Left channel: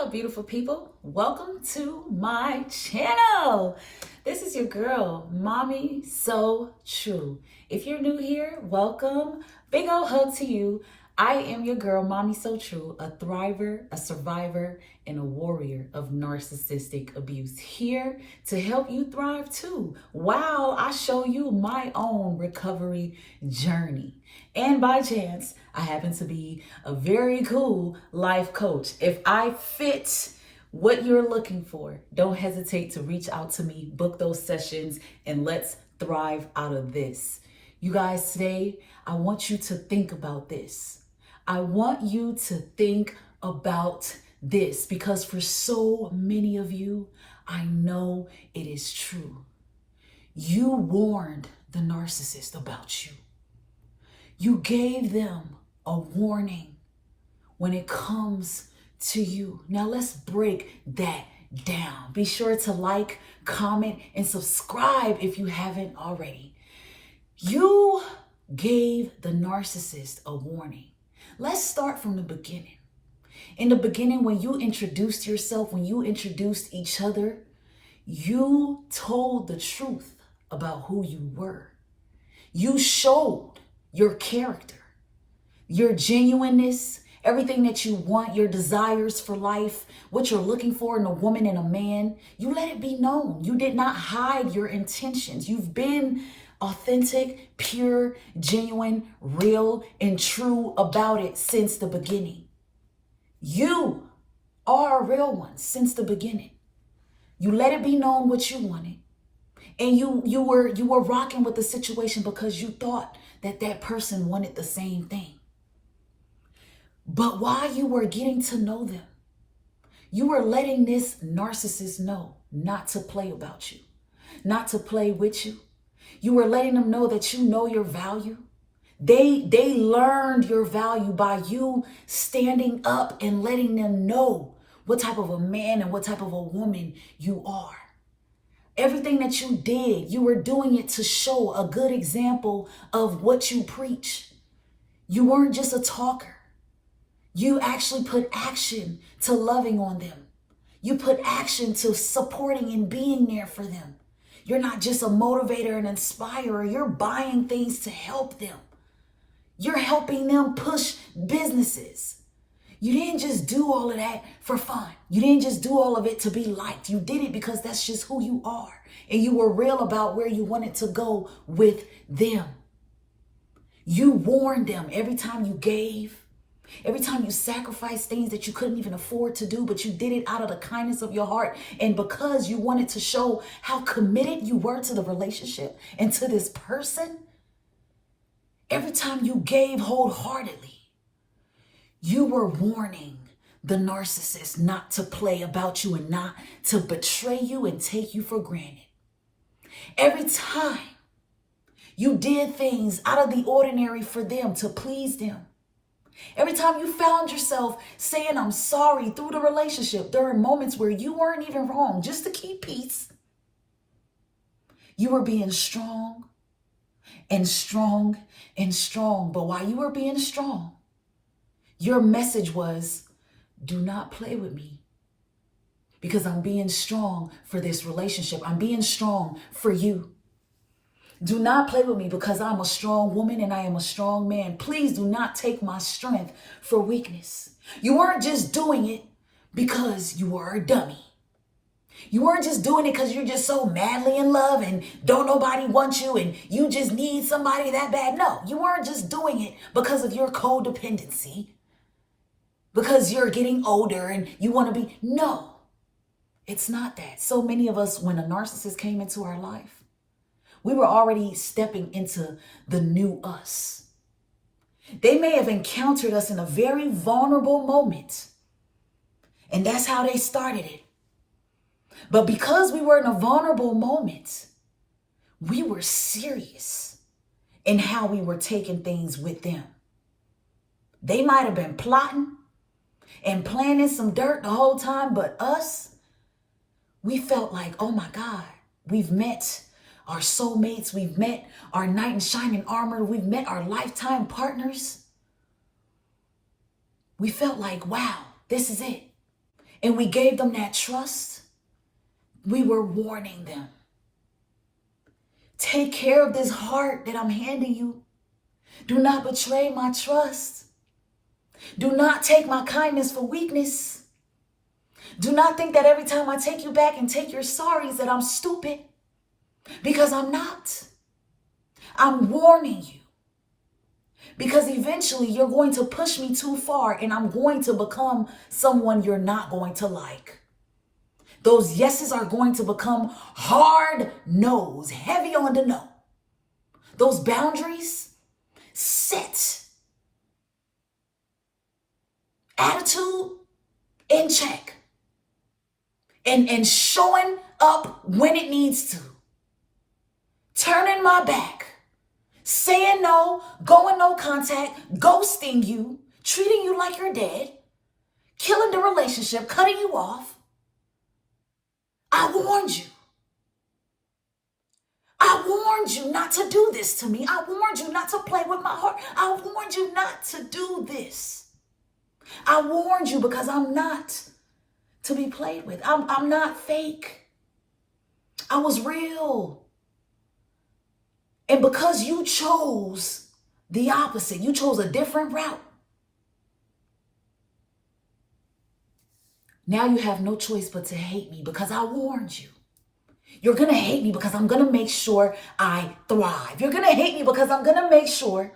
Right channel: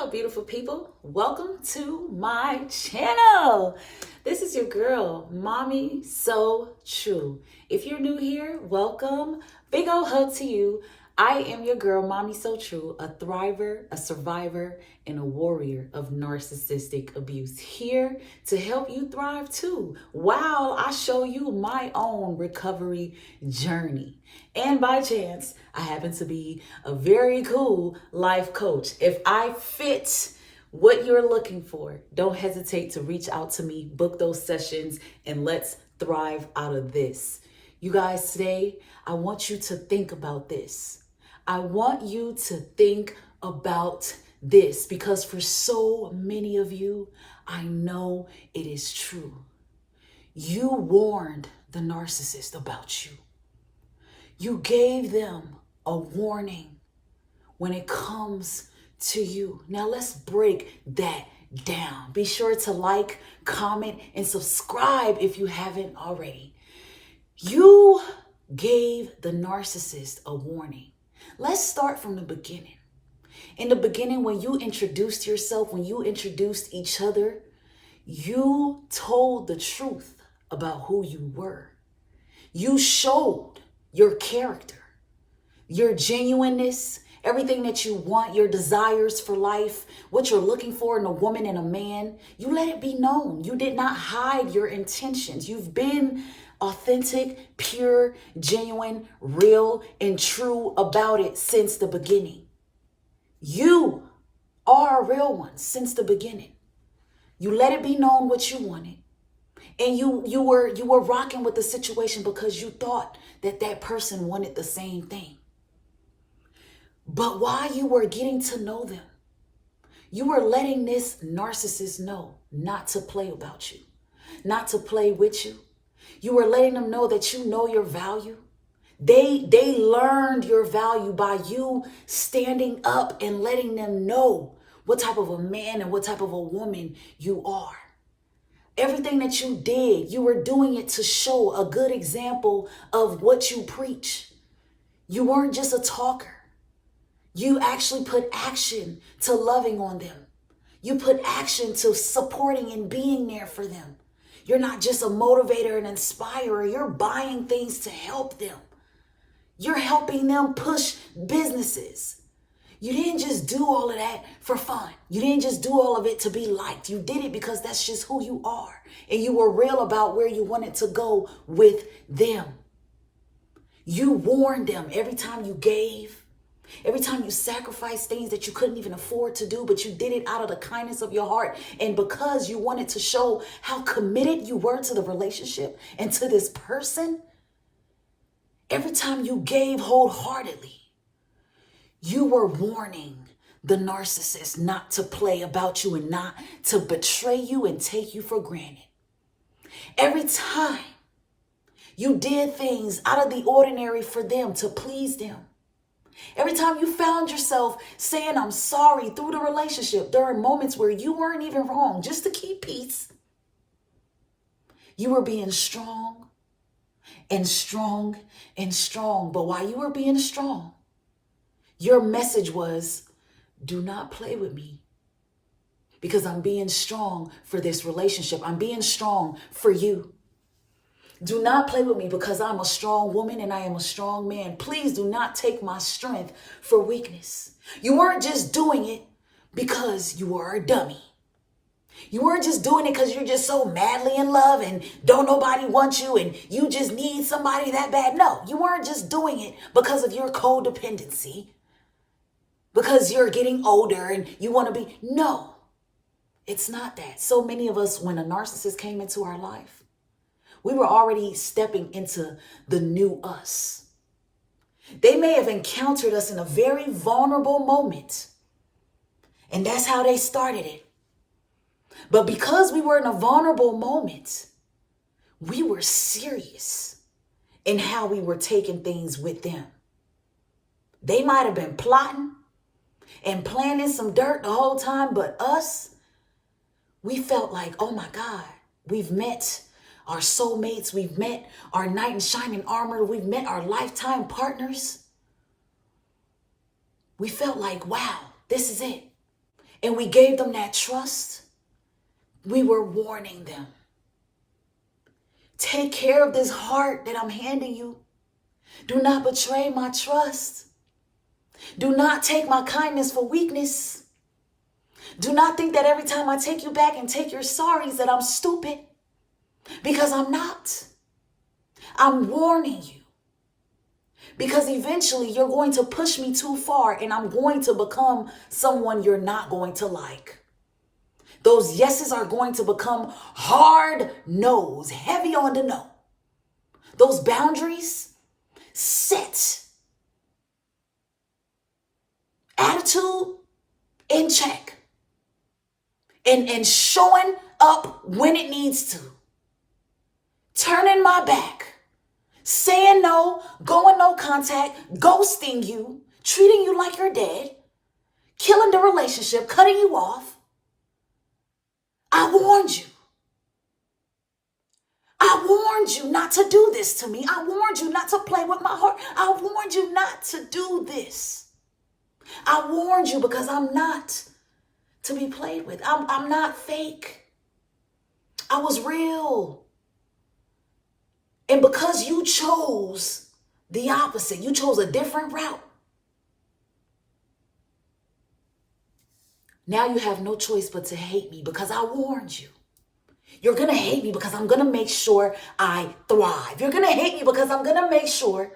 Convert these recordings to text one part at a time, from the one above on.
Hello, beautiful people. Welcome to my channel. This is your girl, Mommy So True. If you're new here, welcome. Big ol' hug to you. I am your girl, Mommy So True, a thriver, a survivor, and a warrior of narcissistic abuse. Here to help you thrive too, while I show you my own recovery journey. And by chance, I happen to be a very cool life coach. If I fit what you're looking for, don't hesitate to reach out to me, book those sessions, and let's thrive out of this. You guys, today, I want you to think about this. I want you to think about this because for so many of you, I know it is true. You warned the narcissist about you. You gave them a warning when it comes to you. Now let's break that down. Be sure to like, comment, and subscribe if you haven't already. You gave the narcissist a warning. Let's start from the beginning. In the beginning, when you introduced yourself, when you introduced each other, you told the truth about who you were. You showed your character, your genuineness, everything that you want, your desires for life, what you're looking for in a woman and a man. You let it be known. You did not hide your intentions. You've been authentic, pure, genuine, real, and true about it since the beginning. You are a real one since the beginning. You let it be known what you wanted. And you were rocking with the situation because you thought that person wanted the same thing. But while you were getting to know them, you were letting this narcissist know not to play about you, not to play with you. You were letting them know that you know your value. They learned your value by you standing up and letting them know what type of a man and what type of a woman you are. Everything that you did, you were doing it to show a good example of what you preach. You weren't just a talker. You actually put action to loving on them. You put action to supporting and being there for them. You're not just a motivator and inspirer. You're buying things to help them. You're helping them push businesses. You didn't just do all of that for fun. You didn't just do all of it to be liked. You did it because that's just who you are. And you were real about where you wanted to go with them. You warned them every time you gave, every time you sacrificed things that you couldn't even afford to do, but you did it out of the kindness of your heart. And because you wanted to show how committed you were to the relationship and to this person, every time you gave wholeheartedly, you were warning the narcissist not to play about you and not to betray you and take you for granted. Every time you did things out of the ordinary for them to please them. Every time you found yourself saying, I'm sorry through the relationship during moments where you weren't even wrong, just to keep peace. You were being strong and strong and strong. But while you were being strong, your message was, do not play with me because I'm being strong for this relationship. I'm being strong for you. Do not play with me because I'm a strong woman and I am a strong man. Please do not take my strength for weakness. You weren't just doing it because you were a dummy. You weren't just doing it because you're just so madly in love and don't nobody want you and you just need somebody that bad. No, you weren't just doing it because of your codependency. Because you're getting older and you want to be. No, it's not that. So many of us, when a narcissist came into our life, we were already stepping into the new us. They may have encountered us in a very vulnerable moment. And that's how they started it. But because we were in a vulnerable moment, we were serious in how we were taking things with them. They might have been plotting and planning some dirt the whole time, but us, we felt like, oh my God, we've met our soulmates, we've met our knight in shining armor, we've met our lifetime partners. We felt like, wow, this is it. and we gave them that trust, we were warning them. Take care of this heart that I'm handing you. Do not betray my trust. Do not take my kindness for weakness. Do not think that every time I take you back and take your sorries that I'm stupid, because I'm not. I'm warning you, because eventually you're going to push me too far and I'm going to become someone you're not going to like. Those yeses are going to become hard no's, heavy on the no. Those boundaries set. Attitude in check. And showing up when it needs to. Turning my back. Saying no, going no contact, ghosting you, treating you like you're dead, killing the relationship, cutting you off. I warned you. I warned you not to do this to me. I warned you not to play with my heart. I warned you not to do this. I warned you because I'm not to be played with. I'm not fake. I was real. And because you chose the opposite, you chose a different route, now you have no choice but to hate me because I warned you. You're going to hate me because I'm going to make sure I thrive. You're going to hate me because I'm going to make sure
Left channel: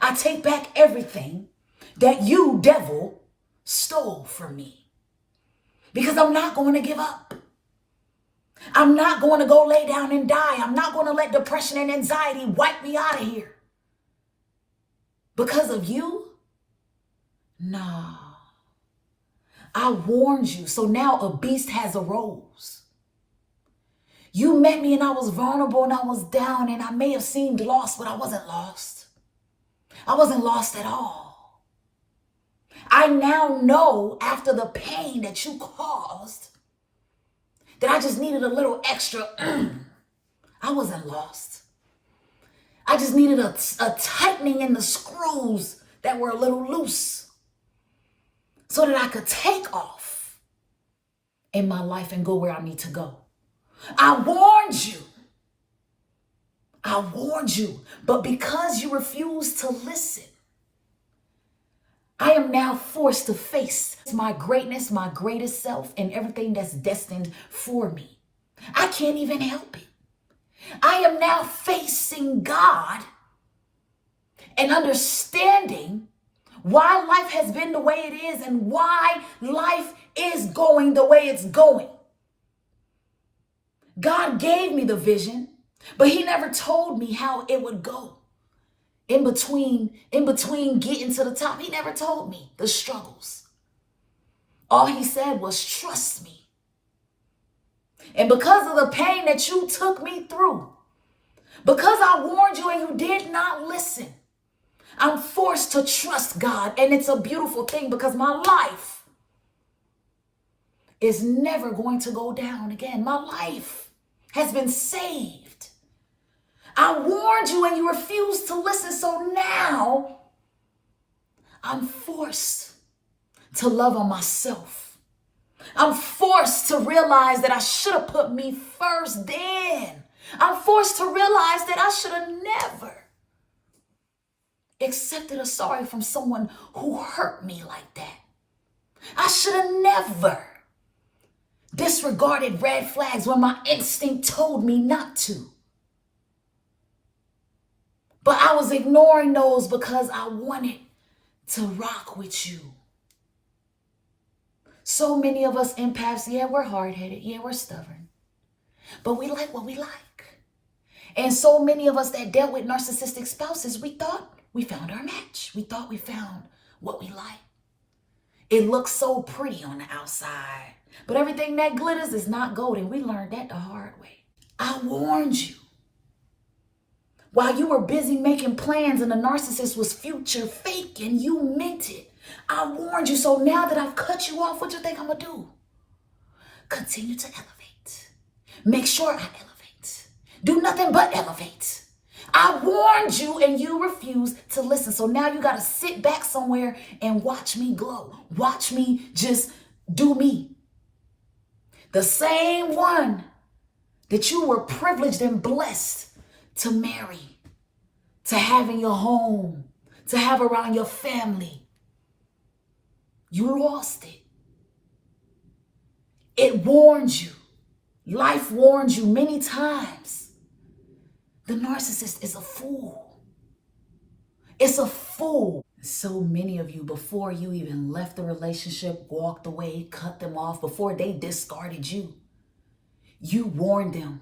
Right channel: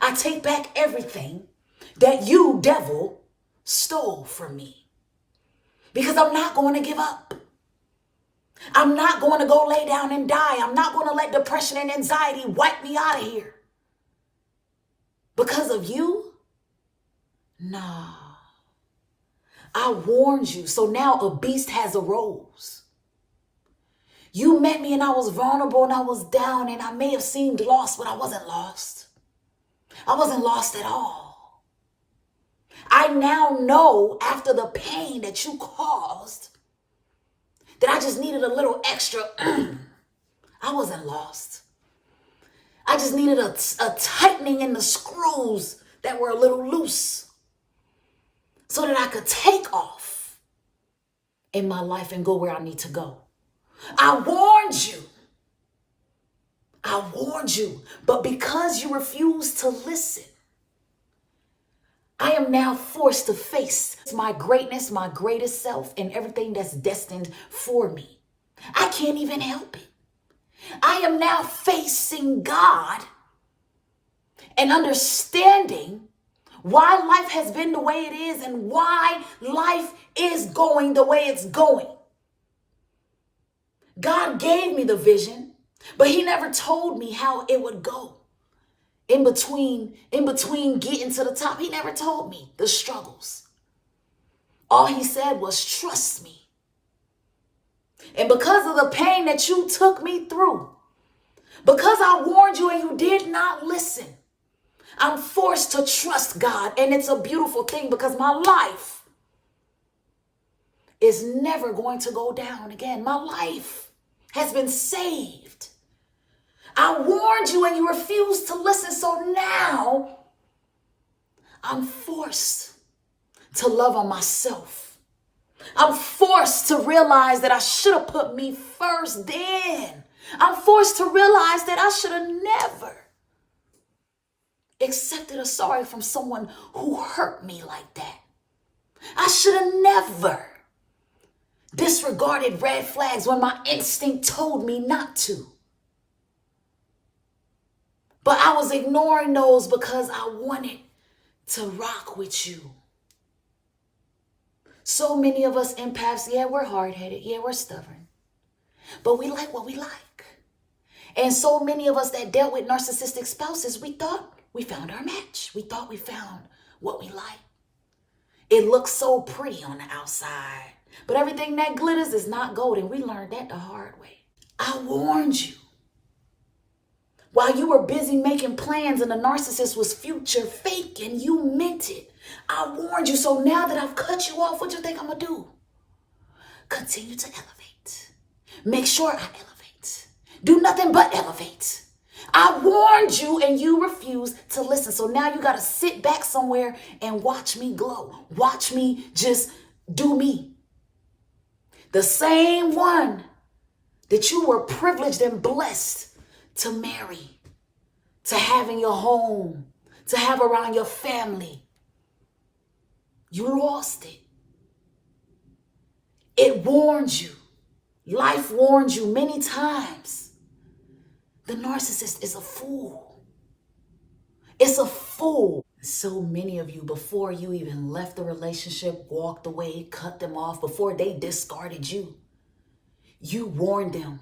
I take back everything that you, devil, stole from me. Because I'm not going to give up. I'm not going to go lay down and die. I'm not going to let depression and anxiety wipe me out of here. Because of you? Nah. I warned you, so now a beast has arose. You met me and I was vulnerable and I was down and I may have seemed lost, but I wasn't lost. I wasn't lost at all. I now know after the pain that you caused that I just needed a little extra. I wasn't lost. I just needed a tightening in the screws that were a little loose so that I could take off in my life and go where I need to go. I warned you. I warned you. But because you refused to listen, I am now forced to face my greatness, my greatest self, and everything that's destined for me. I can't even help it. I am now facing God and understanding why life has been the way it is and why life is going the way it's going. God gave me the vision, but he never told me how it would go. In between getting to the top, he never told me the struggles. All he said was, trust me. And because of the pain that you took me through, because I warned you and you did not listen, I'm forced to trust God. And it's a beautiful thing because my life is never going to go down again. My life has been saved. I warned you and you refused to listen. So now I'm forced to love on myself. I'm forced to realize that I should have put me first then. I'm forced to realize that I should have never accepted a sorry from someone who hurt me like that. I should have never disregarded red flags when my instinct told me not to. But I was ignoring those because I wanted to rock with you. So many of us empaths, yeah, we're hard-headed, yeah, we're stubborn, but we like what we like. And so many of us that dealt with narcissistic spouses, we thought we found our match. We thought we found what we like. It looks so pretty on the outside, but everything that glitters is not gold, and we learned that the hard way. I warned you. While you were busy making plans and the narcissist was future fake and you meant it, I warned you. So now that I've cut you off, what you think I'm going to do? Continue to elevate. Make sure I elevate. Do nothing but elevate. I warned you and you refused to listen. So now you got to sit back somewhere and watch me glow. Watch me just do me. The same one that you were privileged and blessed to marry, to have in your home, to have around your family. You lost it. It warned you. Life warned you many times. The narcissist is a fool. It's a fool. So many of you, before you even left the relationship, walked away, cut them off, before they discarded you, you warned them.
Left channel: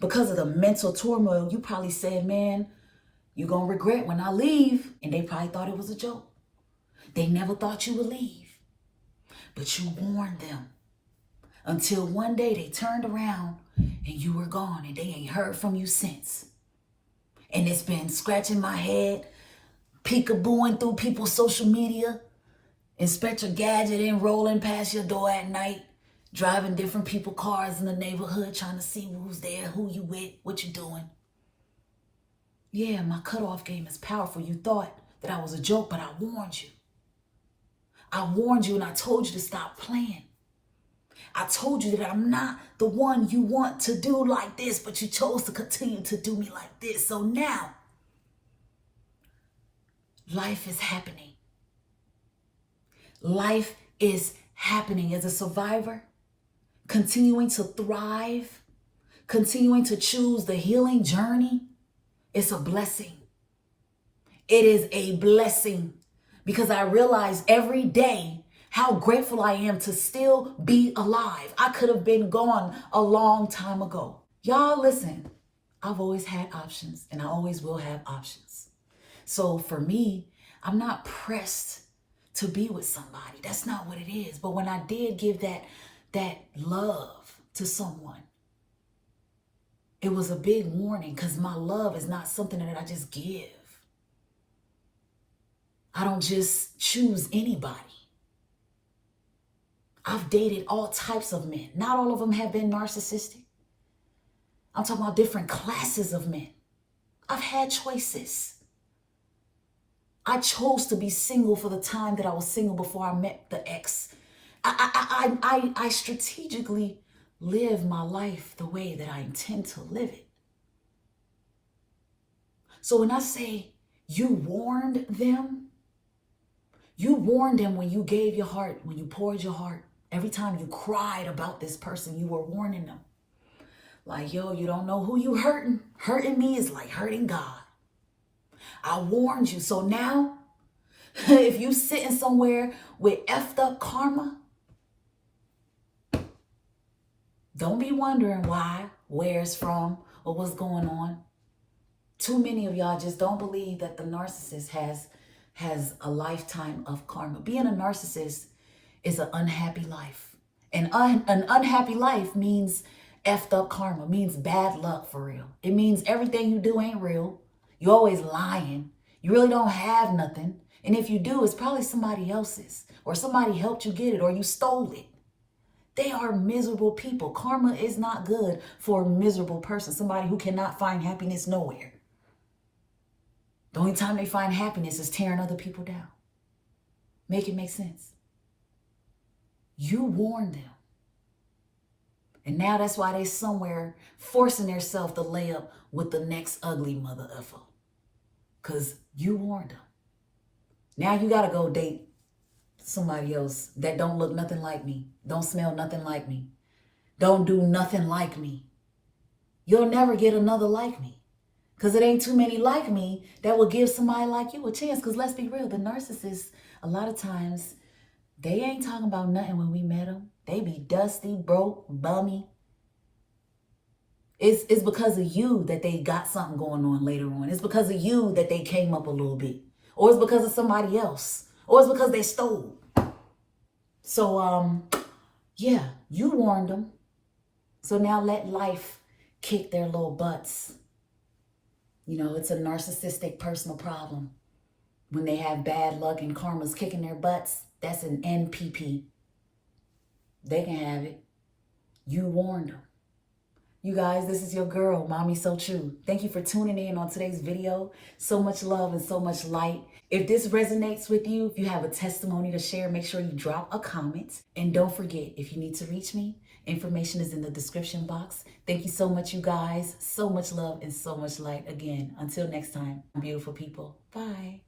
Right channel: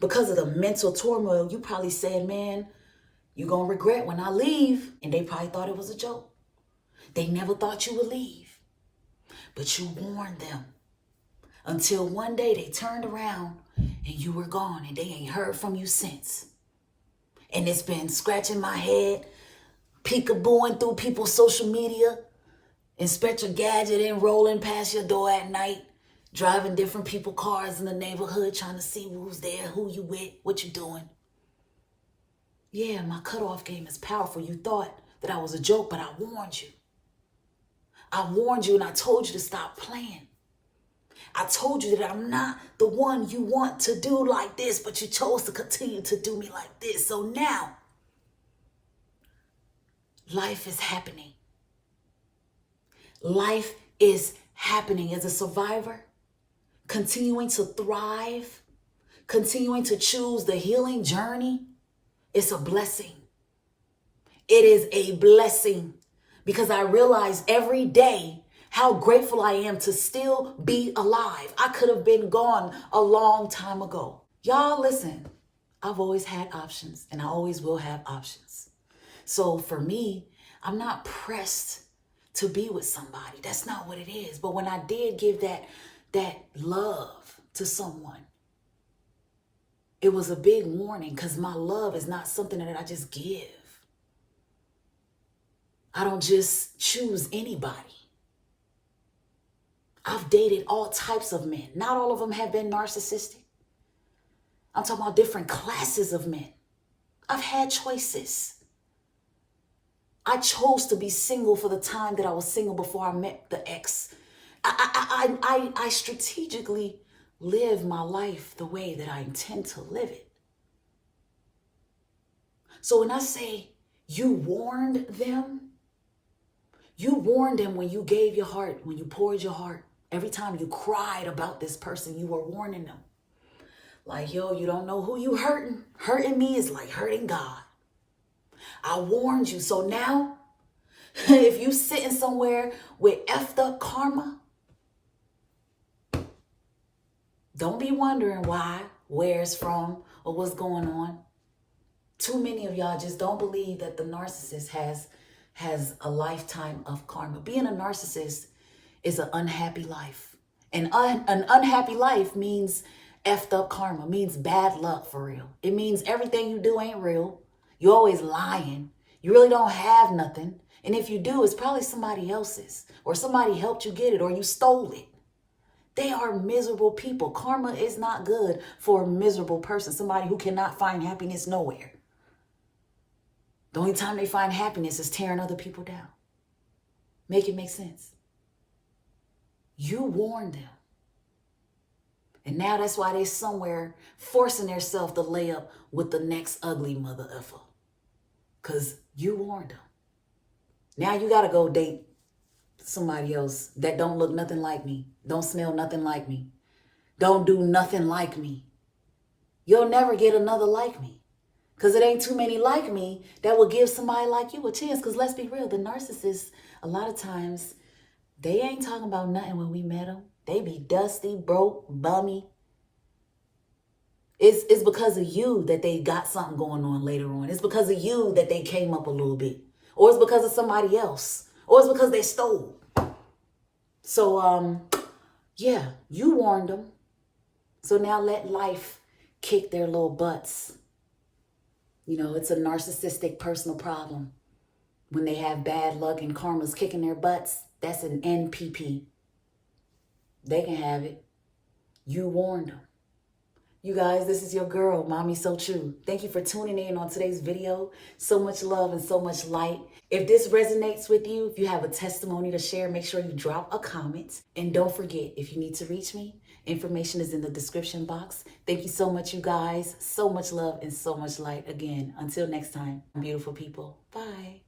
Because of the mental turmoil, you probably said, man, you're going to regret when I leave. And they probably thought it was a joke. They never thought you would leave. But you warned them. Until one day they turned around and you were gone and they ain't heard from you since. And it's been scratching my head, peekabooing through people's social media, Inspector Gadget and rolling past your door at night, driving different people's cars in the neighborhood, trying to see who's there, who you with, what you doing. Yeah, my cutoff game is powerful. You thought that I was a joke, but I warned you. I warned you and I told you to stop playing. I told you that I'm not the one you want to do like this, but you chose to continue to do me like this. So now, life is happening. Life is happening as a survivor, continuing to thrive, continuing to choose the healing journey. It's a blessing. It is a blessing because I realize every day how grateful I am to still be alive. I could have been gone a long time ago. Y'all listen, I've always had options and I always will have options. So for me, I'm not pressed to be with somebody. That's not what it is. But when I did give that love to someone, it was a big warning because my love is not something that I just give. I don't just choose anybody. I've dated all types of men. Not all of them have been narcissistic. I'm talking about different classes of men. I've had choices. I chose to be single for the time that I was single before I met the ex. I strategically live my life the way that I intend to live it. So when I say you warned them when you gave your heart, when you poured your heart. Every time you cried about this person, you were warning them. Like, yo, you don't know who you hurting. Hurting me is like hurting God. I warned you. So now, if you sitting somewhere with effed up karma, don't be wondering why, where it's from, or what's going on. Too many of y'all just don't believe that the narcissist has a lifetime of karma. Being a narcissist is an unhappy life. And an unhappy life means effed up karma, means bad luck for real. It means everything you do ain't real. You're always lying. You really don't have nothing. And if you do, it's probably somebody else's, or somebody helped you get it, or you stole it. They are miserable people. Karma is not good for a miserable person, somebody who cannot find happiness nowhere. The only time they find happiness is tearing other people down. Make it make sense. You warned them. And now that's why they somewhere forcing themselves to lay up with the next ugly mother effer. Because you warned them. Now you got to go date somebody else that don't look nothing like me. Don't smell nothing like me. Don't do nothing like me. You'll never get another like me. Because it ain't too many like me that will give somebody like you a chance. Because let's be real, the narcissists, a lot of times, they ain't talking about nothing when we met them. They be dusty, broke, bummy. It's because of you that they got something going on later on. It's because of you that they came up a little bit. Or it's because of somebody else. Or it's because they stole. So, yeah, you warned them. So now let life kick their little butts. You know, it's a narcissistic personal problem. When they have bad luck and karma's kicking their butts, that's an NPP. They can have it. You warned them. You guys, this is your girl, Mommy So True. Thank you for tuning in on today's video. So much love and so much light. If this resonates with you, if you have a testimony to share, make sure you drop a comment. And don't forget, if you need to reach me, information is in the description box. Thank you so much, you guys. So much love and so much light. Again, until next time, beautiful people. Bye.